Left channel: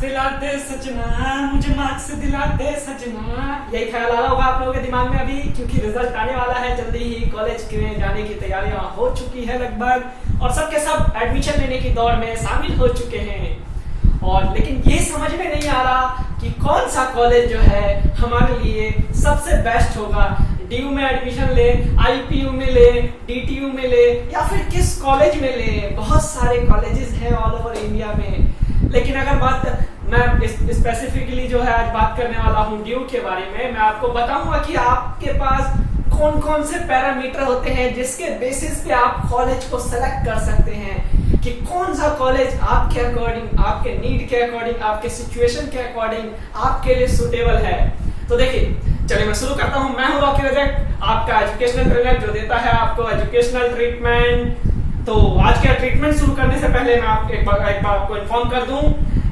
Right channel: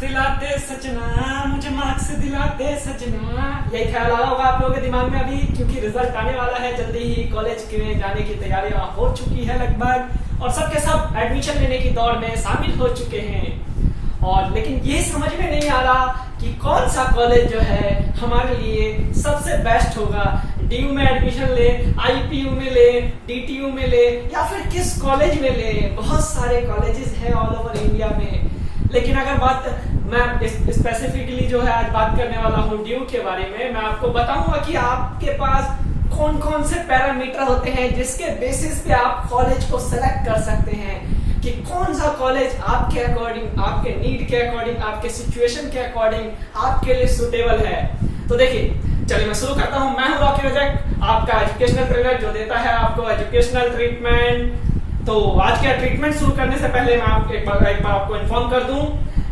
दिला दे सजना, मुझे मार्क्स दिला दे सजना। यही ख्याल आ रहा होगा आप लोगों के दिमाग में अभी, क्योंकि रिजल्ट आने वाला है जल्दी ही। कॉलेज में जाने की तैयारियां हो चुकी है लगभग, और सबके सब एडमिशन लेने की दौड़ में शामिल हो चुके हैं। और लेकिन ये समझ में नहीं आ रहा कि कौन सा कॉलेज जो है हमारे लिए सबसे बेस्ट होगा। डीयू में एडमिशन ले, आईपीयू में ले, डीटीयू में ले, या फिर किस कॉलेज में ले। बहुत सारे कॉलेजेस हैं ऑल ओवर इंडिया में। लेकिन अगर बात मैं स्पेसिफिकली जो है आज बात करने वाला हूँ डीयू के बारे में, मैं आपको बताऊंगा कि आपके पास कौन कौन से पैरामीटर होते हैं जिसके बेसिस पे आप कॉलेज को सेलेक्ट कर सकते हैं कि कौन सा कॉलेज आपके अकॉर्डिंग, आपके नीड के अकॉर्डिंग, आपके सिचुएशन के अकॉर्डिंग आपके लिए सुटेबल है। तो देखिए, चलिए मैं शुरू करता हूं। मैं हूं रॉकी रजक, आपका एजुकेशनल ट्रेनर जो देता है आपको एजुकेशनल ट्रीटमेंट। तो आज का ट्रीटमेंट शुरू करने से पहले मैं एक बार आपको इन्फॉर्म कर दूं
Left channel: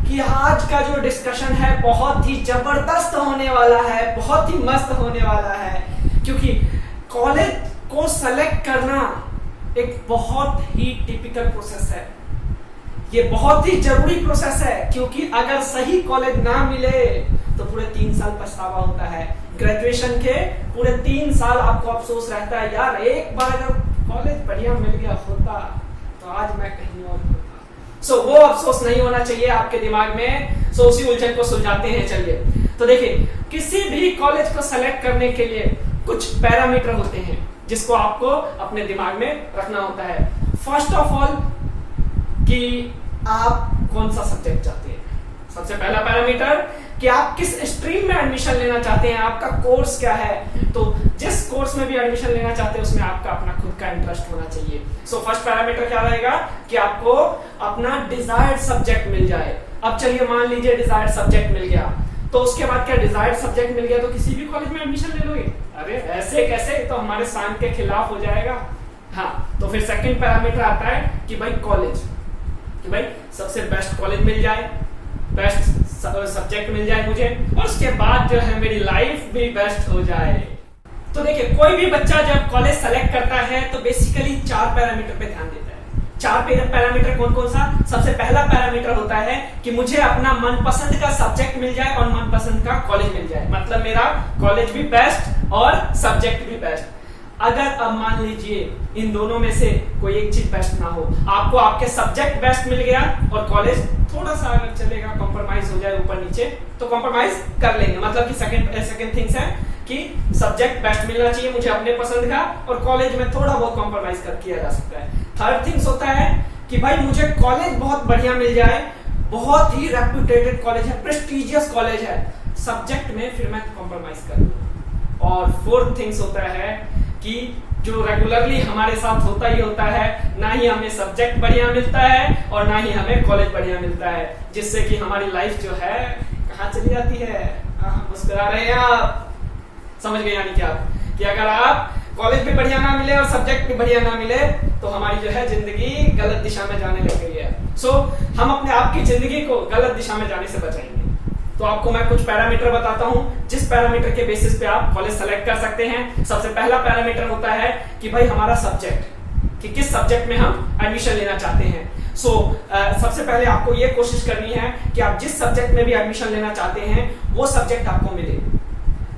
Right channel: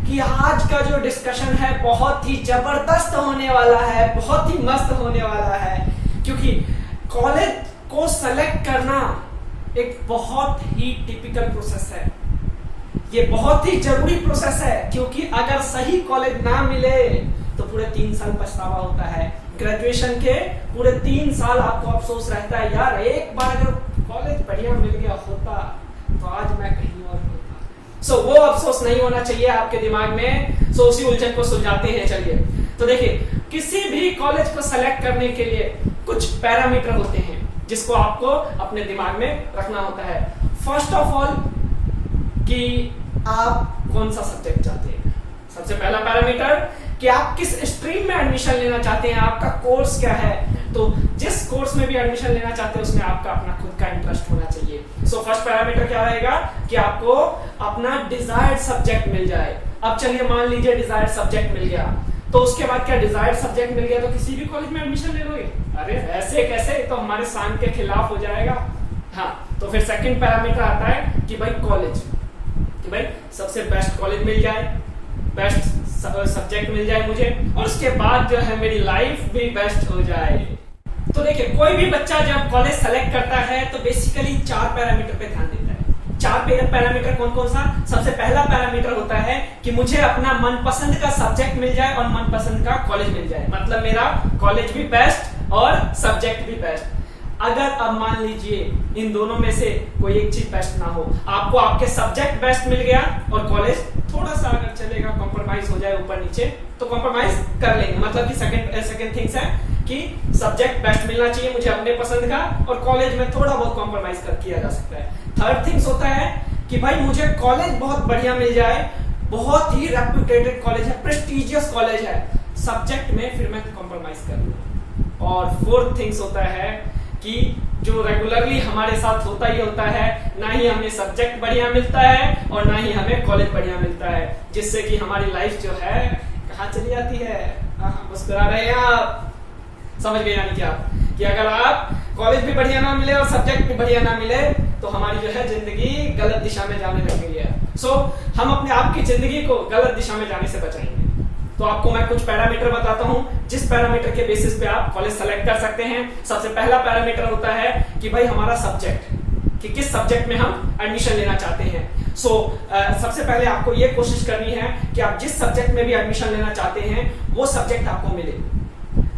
कि आज का जो डिस्कशन है बहुत ही जबरदस्त होने वाला है, बहुत ही मस्त होने वाला है। क्योंकि कॉलेज को सेलेक्ट करना एक बहुत ही टिपिकल प्रोसेस है, ये बहुत ही जरूरी प्रोसेस है। क्योंकि अगर सही कॉलेज ना मिले तो पूरे 3 साल पछतावा होता है। ग्रेजुएशन के पूरे 3 साल आपको अफसोस रहता है, यार एक बार अगर कॉलेज बढ़िया मिल गया होता तो आज मैं कहीं और होता। वो अफसोस नहीं होना चाहिए आपके दिमाग में। उसी उलझन को सुलझाते हैं। चलिए, तो देखिए, किसी भी कॉलेज को सेलेक्ट करने के लिए कुछ पैरामीटर होते हैं जिसको आपको अपने दिमाग में रखना होता है। फर्स्ट ऑफ ऑल कि आप कौन सा सब्जेक्ट चाहते हैं। सबसे पहला पैरामीटर कि आप किस स्ट्रीम में एडमिशन लेना चाहते हैं, आपका कोर्स क्या है। तो जिस कोर्स में भी एडमिशन लेना चाहते हैं उसमें आपका अपना खुद का इंटरेस्ट होना चाहिए। फर्स्ट पैरामीटर क्या रहेगा कि आपको अपना डिजायर्ड सब्जेक्ट मिल जाए। अब चलिए मान लीजिए डिजायर्ड सब्जेक्ट मिल गया, तो उसके बाद क्या डिजायर्ड सब्जेक्ट मिल गया तो किसी भी कॉलेज में एडमिशन ले लोगे? अरे ऐसे कैसे, तो हमारे शान के खिलाफ हो जाएगा। हाँ, तो फिर सेकंड पैरामीटर आता है कि भाई कॉलेज, कि भाई सबसे बेस्ट कॉलेज मिल जाए, बेस्ट सब्जेक्ट मिल जाए मुझे, और उसके बाद जो है मेरी लाइफ भी बेस्ट हो जाए। तो देखिए, कोई भी बच्चा जब कॉलेज सेलेक्ट करता है तो बेसिकली 4 पैरामीटर पे ध्यान देता है। 4 पैरामीटर कौन कौन सा? सबसे पहला पैरामीटर होता है कि मुझे अपना मनपसंद का सब्जेक्ट मिल जाए और मनपसंद का कॉलेज मिल जाए, मतलब मेरा कॉलेज भी बेस्ट और सब्जेक्ट भी बेस्ट। अगर अब मान लीजिए इन दोनों में से कोई एक चीज बेस्ट ना हो, आपको आपके सब्जेक्ट बेस्ट मिल गया और कॉलेज थोड़ा सा अगर चलेगा, कॉम्प्रोमाइज हो जाए ऊपर नीचे तो कॉम्प्रोमाइज कर लेंगे। मतलब कि सेकंड थिंग्स है कि सब्जेक्ट बेस्ट मिलना चाहिए मुझे अपने पसंद का, और कॉलेज में थोड़ा बहुत कॉम्प्रोमाइज कर किया जा सकता है। थर्ड थिंग्स होता है कि भाई मुझे कॉलेज बहुत बढ़िया मिल जाए, बहुत ही रेप्यूटेटेड कॉलेज है, प्रेस्टिजियस कॉलेज है, सब्जेक्ट में फिर मैं कॉम्प्रोमाइज कर लूं। और फोर्थ थिंग्स होता है कि जो रेगुलरली हमारे साथ होता ही होता है, ना ही हमें सब्जेक्ट बढ़िया मिलता है और ना ही हमें कॉलेज बढ़िया मिलता है, जिससे कि हमारी लाइफ जो है कहाँ चली जाती है। मुस्कुरा रहे हैं आप, समझ गए यानी क्या कि अगर आप कॉलेज भी बढ़िया ना मिले और सब्जेक्ट भी बढ़िया ना मिले तो हमारी जो है जिंदगी गलत दिशा में जाने लग गई है। हम अपने आप की जिंदगी को गलत दिशा में जाने से बचाएंगे। तो आपको मैं कुछ पैरामीटर बताता हूं जिस पैरामीटर के बेसिस पे आप कॉलेज सेलेक्ट कर सकते हैं। सबसे पहला पैरामीटर होता है कि भाई हमारा सब्जेक्ट, कि किस सब्जेक्ट में हम एडमिशन लेना चाहते हैं। सबसे पहले आपको ये कोशिश करनी है कि आप जिस सब्जेक्ट में भी एडमिशन लेना चाहते हैं वो सब्जेक्ट आपको मिले,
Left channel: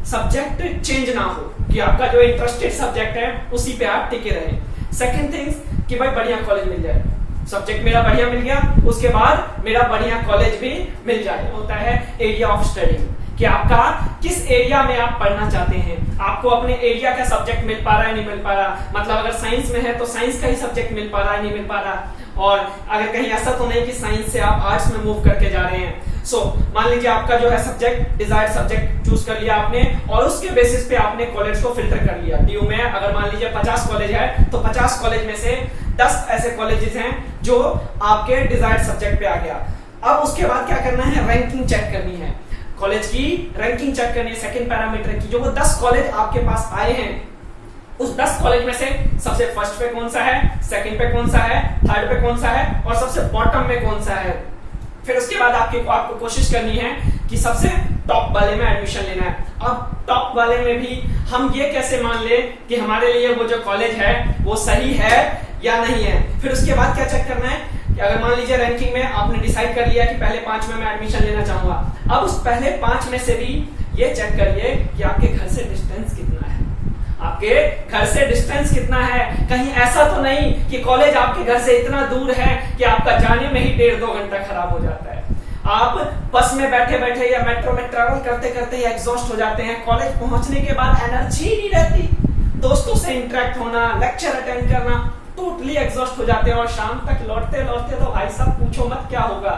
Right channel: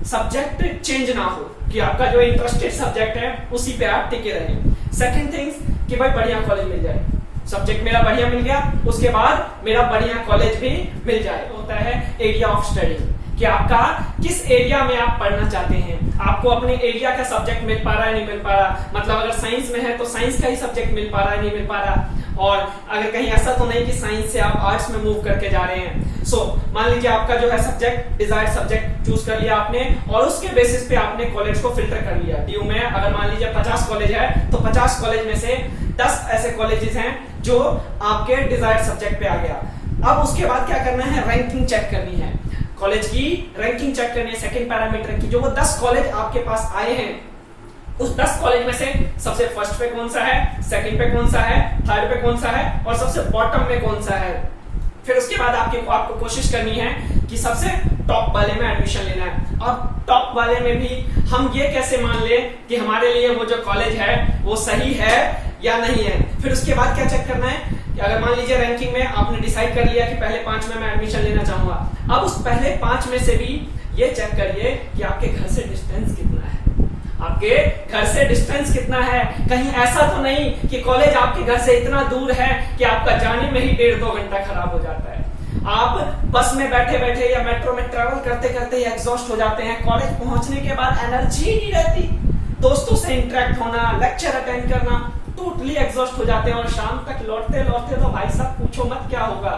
सब्जेक्ट चेंज ना हो, कि आपका जो इंटरेस्टेड सब्जेक्ट है उसी पे आप टिके रहें। सेकंड थिंग्स कि भाई बढ़िया कॉलेज मिल जाए, सब्जेक्ट मेरा बढ़िया मिल गया, उसके बाद मेरा बढ़िया कॉलेज भी मिल जाए। होता है एरिया ऑफ स्टडी, कि आपका किस एरिया में आप पढ़ना चाहते हैं, आपको अपने एरिया का सब्जेक्ट मिल पा रहा है नहीं मिल पा रहा। मतलब अगर साइंस में है तो साइंस का ही सब्जेक्ट मिल पा रहा है नहीं मिल पा रहा, और अगर कहीं ऐसा तो नहीं कि साइंस से आप आर्ट्स में मूव करके जा रहे हैं। मान लीजिए आपका जो है सब्जेक्ट, डिजायर्ड सब्जेक्ट चूज कर लिया आपने, और उसके बेसिस पे आपने कॉलेज को फिल्टर कर लिया। डीयू में अगर मान लीजिए 50 कॉलेज है तो 50 कॉलेज में से 10 ऐसे कॉलेजेस हैं जो आपके डिजायर्ड सब्जेक्ट पे आ गया। अब उसके बाद क्या करना है, रैंकिंग चेक करनी है, कॉलेज की रैंकिंग चेक करनी है। सेकंड पैरामीटर की जो वो 10 कॉलेज आपके पास आए हैं उस 10 कॉलेज में से सबसे फर्स्ट पे कौन सा है, सेकंड पे कौन सा है, थर्ड पे कौन सा है और सबसे बॉटम में कौन सा है। फिर उसके बाद आपको कोशिश करनी है कि सबसे टॉप वाले में एडमिशन लेना है। अब टॉप वाले में भी हम ये कैसे मान ले कि हमारे लिए वो जो कॉलेज है वो सही है या नहीं है। फिर उसके बाद क्या चेक करना है कि अगर मान लीजिए रैंकिंग में आपने डिसाइड कर लिया कि पहले 5 में मैं एडमिशन लेना चाहूंगा, अब उस पहले 5 में से भी ये चेक करिए कि आपके घर से डिस्टेंस कितना है, आपके घर से डिस्टेंस कितना है। कहीं ऐसा तो नहीं कि कॉलेज आपके घर से इतना दूर है कि आपका जाने में ही 1.5-2 घंटा खराब हो जाता है, आप बस में बैठे बैठे या मेट्रो में ट्रैवल करते करते एग्जॉस्ट हो जाते हैं, कॉलेज पहुंचने के बाद एनर्जी नहीं रहती, दोस्तों से इंटरेक्ट होना, लेक्चर अटेंड करना, टोटली एग्जॉस्ट हो जाते हैं और शाम तक लौटते लौटते तो भाई साहब पूछो मत क्या होगा,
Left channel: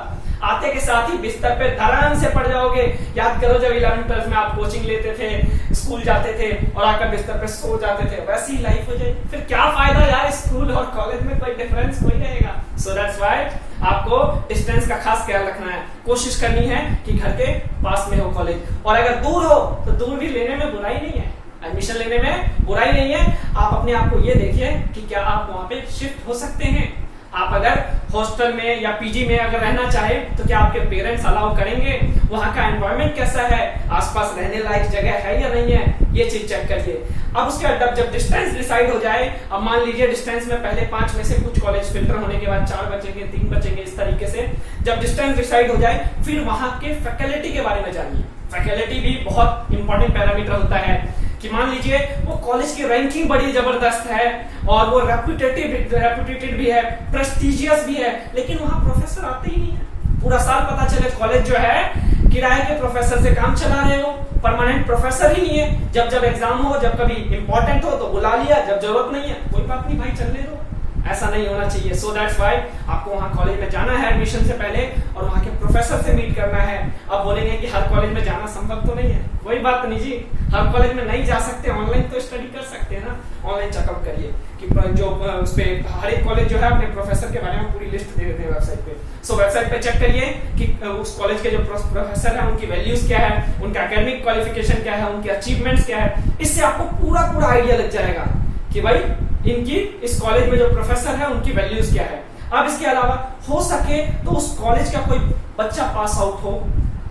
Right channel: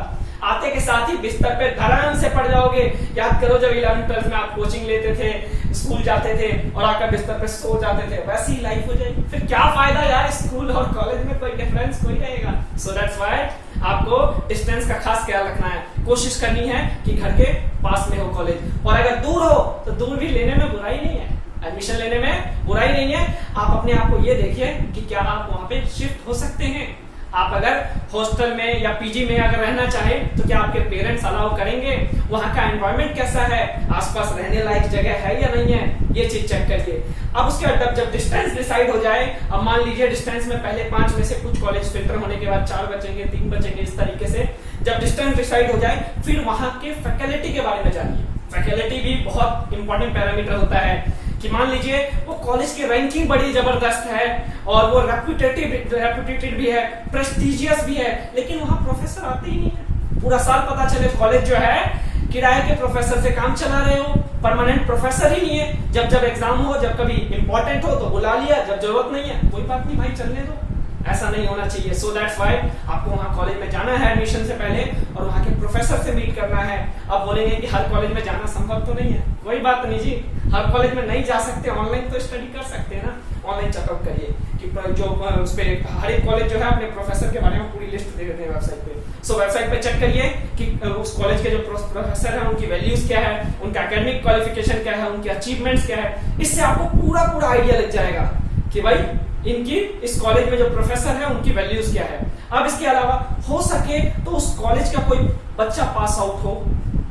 आते के साथ ही बिस्तर पे धड़ाम से पड़ जाओगे। याद करो जब 11th-12th में आप कोचिंग लेते थे, स्कूल जाते थे और आकर बिस्तर पे सो जाते थे, वैसी ही लाइफ हो जाएगी। फिर क्या फायदा यार, स्कूल और कॉलेज में कोई डिफरेंस कोई रहेगा। सो दैट्स व्हाई आपको डिस्टेंस का खास ख्याल रखना है, कोशिश करनी है कि घर के पास में हो कॉलेज, और अगर दूर हो तो दूर भी लेने में बुराई नहीं है, एडमिशन लेने में बुराई नहीं है। आप अपने आप को ये देखिए कि क्या आप वहां पे शिफ्ट हो सकते हैं। आप अगर हॉस्टल में या पीजी में अगर रहना चाहें तो क्या आपके पेरेंट्स अलाउ करेंगे, वहां का एनवायरनमेंट कैसा है, आसपास रहने लायक जगह है या नहीं है, ये चीज चेक करके। अब उसके बाद जब डिस्टेंस डिसाइड हो जाए, अब मान लीजिए डिस्टेंस में पहले 5 में से कुछ कॉलेज फिल्टर होने के बाद 4 बचेंगे, 3 बचेंगे, इस तरीके से जब डिस्टेंस डिसाइड हो जाए फिर वहां के फैकल्टी के बारे में जानिए। फैकल्टी भी बहुत इंपॉर्टेंट पैरामीटर होता है कि मान लीजिए वो कॉलेज की रैंकिंग बड़ी जबरदस्त है और वो रेपुटेटेड भी है, प्रेस्टिजियस भी है, लेकिन वहां प्रोफेसर आते ही नहीं है। पूरा साल पता चले कॉलेज जो है किराए के प्रोफेसर से काम चला रहे हो, परमानेंट प्रोफेसर ही नहीं है। जब जब एग्जाम हो, जब कभी इंपॉर्टेंट हो तो बुला लिया, जब जरूरत नहीं है कोई बात नहीं भाई चलने दो, ऐसा नहीं होना चाहिए। सो दैट्स व्हाई आपको वहां कॉलेज में जाना है एडमिशन से पहले और वहां के प्रोफेसर से मीट करना है। अब बोलेंगे कि हर कॉलेज में जाना संभव तो नहीं है, कोई बात नहीं जी, हर कॉलेज में नहीं जा सकते, ऑनलाइन तो स्टडी कर सकते हैं ना। ऑनलाइन चेकआउट करिए कि जो उस पे हर एक कॉलेज जो है अपने प्रोफेसर के बारे में पूरी लिस्ट दे देते हैं वेबसाइट पे। सो वेबसाइट पे चेक करिए कि उस कॉलेज के जो प्रोफेसर है उनकी वैल्यूज क्या है, उनका एकेडमिक क्वालिफिकेशन क्या है, उनके अचीवमेंट्स क्या है। इससे आपको पूरा आइडिया लग जाएगा कि भाई इनकी इस कॉलेज में जो प्रोफेसर है उनकी वैल्यूज क्या है। अब इसके अलावा हो सके तो उस कॉलेज का कोई बच्चा पास आउट हो,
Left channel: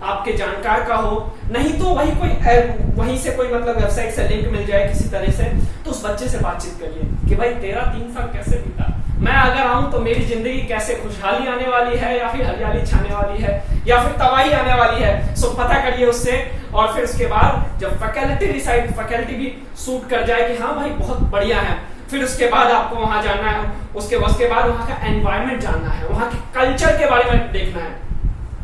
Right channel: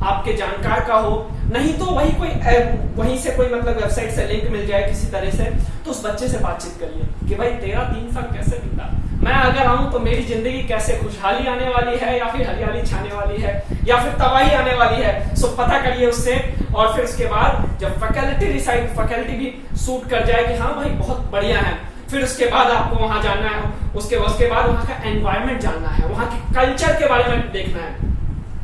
आपके जानकार का हो, नहीं तो वहीं से कोई मतलब वेबसाइट से लिंक मिल जाए किसी तरह से, तो उस बच्चे से बातचीत करिए कि भाई तेरा 3 साल कैसे बीता, मैं अगर आऊं तो मेरी जिंदगी कैसे खुशहाली आने वाली है या फिर हरियाली छाने वाली है या फिर तबाही आने वाली है। सो पता करिए उससे, और फिर उसके बाद जब फैकल्टी भी सूट कर जाए कि हाँ भाई बहुत बढ़िया है, फिर उसके बाद आपको वहां जाना है, उसके बाद वहां का एनवायरनमेंट जानना है, वहां के कल्चर के बारे में देखना है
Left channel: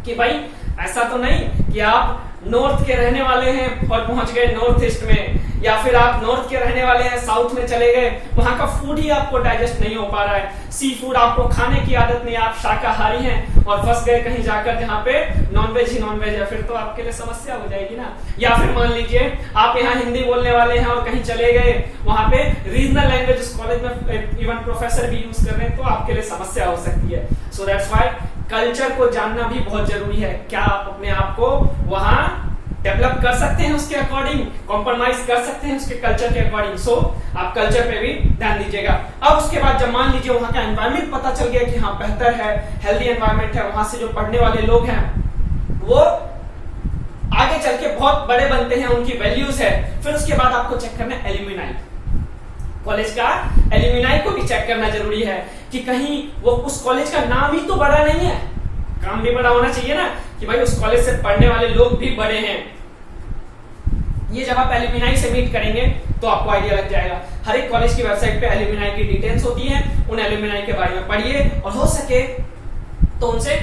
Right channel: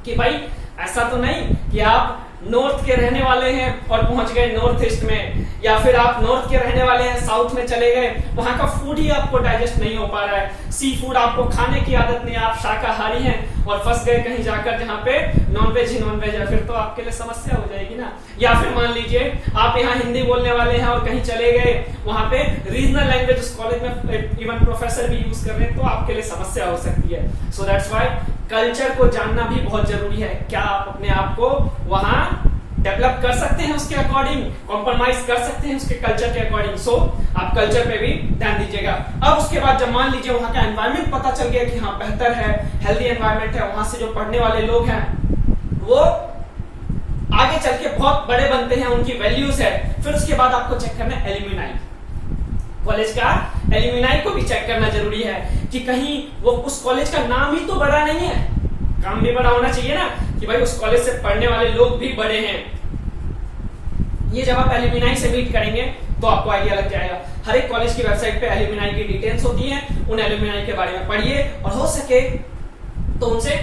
कि भाई ऐसा तो नहीं कि आप नॉर्थ के रहने वाले हैं और पहुंच गए नॉर्थ ईस्ट में, या फिर आप नॉर्थ के रहने वाले हैं साउथ में चले गए, वहां का फूड ही आपको डाइजेस्ट नहीं हो पा रहा है, सी फूड आपको खाने की आदत नहीं, आप शाकाहारी हैं और फंस गए कहीं जाकर जहां पे नॉनवेज ही नॉनवेज है, फिर तो आपके लिए समस्या हो जाएगी ना। या फिर मान लीजिए आप यहाँ हिंदी बोलने वाले हैं और कहीं चले गए, वहां पे रीजनल लैंग्वेज उस कॉलेज में इवन प्रोफेसर भी यूज कर रहे हैं, तो आपके लिए समस्या हो सकती है। सो दैट्स व्हाई कल्चर को जानना भी बहुत जरूरी है। क्या आप अपने आप को वहां डेवलप कर सकते हैं, उसके अकॉर्डिंग कॉम्प्रोमाइज कर सकते हैं उसके कल्चर के अकॉर्डिंग। सो आप कल्चर पे भी ध्यान दीजिएगा। अब उसके बाद जब मान लीजिए वहां का एनवायरनमेंट पता चल गया कि हाँ बेहतर है, हेल्दी एनवायरनमेंट है, वहां से जो पढ़ने वाले लोग हैं वो आगे चल के बहुत बड़े बनते हैं, उनकी वैल्यूज है, फिर उसके बाद आपको चेक करना है एल्यूमिनाई, कॉलेज का एल्यूमिनाई को भी चेक करना जरूरी है कि कहीं वो उस कॉलेज का नाम ही तो बड़ा नहीं है, काम भी बड़ा होना चाहिए ना, कि भाई उस कॉलेज से पढ़ने वाले लोग भी बड़े हैं। ये जब आप एल्यूमिनाई से मीट करेंगे तो आपको आइडिया लग जाएगा। हर एक कॉलेज की वेबसाइट पे एल्यूमिनाई की डिटेल्स होती हैं, उन एल्यूमिनाई के बारे में पढ़िए और हो सके तो उनसे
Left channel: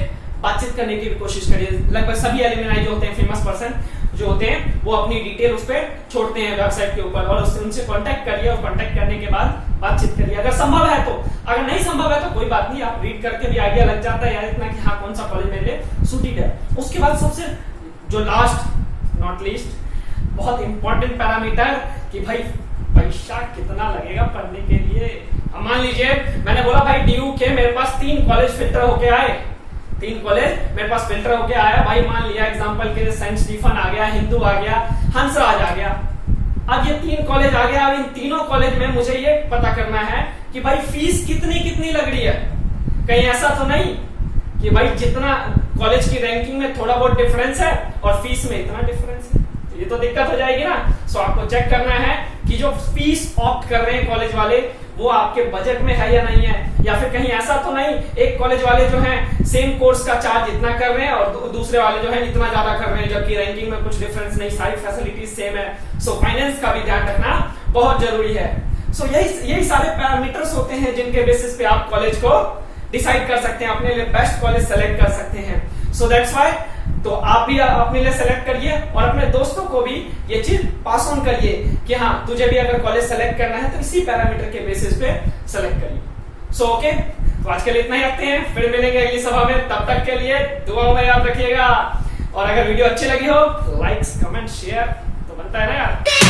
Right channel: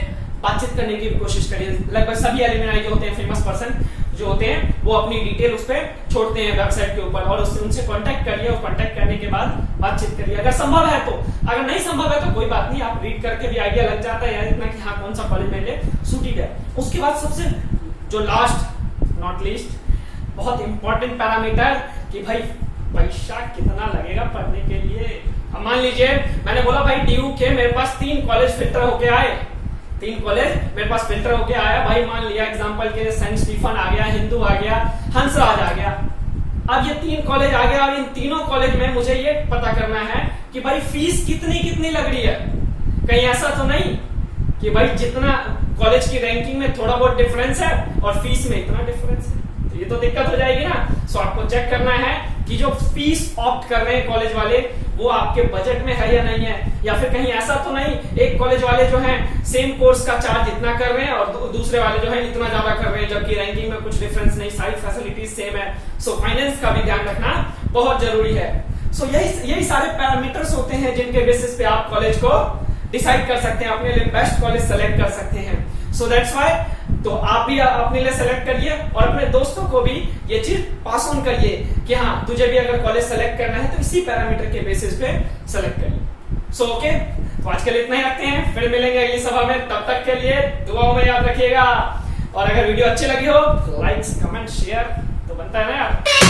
बातचीत करने की भी कोशिश करिए। लगभग सभी एल्यूमिनाई जो होते हैं, फेमस पर्सन जो होते हैं, वो अपनी डिटेल उस पर छोड़ते हैं वेबसाइट के ऊपर, और उनसे कांटेक्ट करिए और कांटेक्ट करने के बाद बातचीत करिए अगर संभव है तो। अगर नहीं संभव है तो कोई बात नहीं, आप रीड करके भी आइडिया लग जाता है यार इतना कि हाँ कौन सा कॉलेज मेरे लिए सूटेड है। उसके बाद सबसे जो लास्ट नॉट लीस्ट बहुत इंपॉर्टेंट पैरामीटर कि भाई पैसा कितना लगेगा पढ़ने के लिए। अब मान लीजिए मैंने बोला भाई DU के मेरे पास 3 कॉलेज फिल्टर होके आए, 3 कॉलेज मेरे पास फिल्टर होके आया भाई, मान लिया एग्जांपल के लिए सेंट स्टीफन आ गया, हिंदू आ गया, हंसराज आ गया। अब ये 3 कॉलेज आ गया, अब इन तीनों कॉलेज में मुझे ये पता करना है कि भाई फीस कितनी लग रही है। कहीं ऐसा तो नहीं कि भाई जितना कॉलेज की रैंकिंग में थोड़ा बहुत डिफरेंस है और फीस में इतना डिफरेंस है, तो ये तो दिक्कत हो जाएगी ना। सो आपको चेक करना है कि जो फीस ऑप्ट कर रहे हैं कॉलेज वाले वो आपके बजट में है या नहीं है, या फिर कहीं ऐसा तो नहीं एक कॉलेज वाले जो हैं सेम कोर्स का चार्ज इतना कर रहे हैं और दूसरे वाले जो है इतना ज्यादा कर रहे हैं, जबकि रैंकिंग में कुछ डिफरेंस नहीं, सारी फैसिलिटीज सेम है। सो फाइनेंस का भी ध्यान रखना बहुत जरूरी है। सो यही सारे पैरामीटर्स होते हैं जिनके बेसिस पे आप कॉलेज को डिसाइड कर सकते हैं, अपने लिए बेस्ट कॉलेज सेलेक्ट कर सकते हैं। सो दैट्स व्हाई तो आप भी अपने लिए सेलेक्ट करिए और अपने दोस्तों को भी ये चीज पास ऑन करिए कि हाँ तुझे भी अगर कॉलेज सेलेक्ट करना है तो इसी पैरामीटर के बेसिस पे सेलेक्ट करिए। सो ओके, तो आज के लिए इतना ही रखते हैं, फिर मिलेंगे अगली सभा में। तब तक के लिए दुआओं में याद रखिएगा, और अगर वीडियो अच्छी लगी हो लाइक्स कमेंट शेयर तो बनता है ना यार।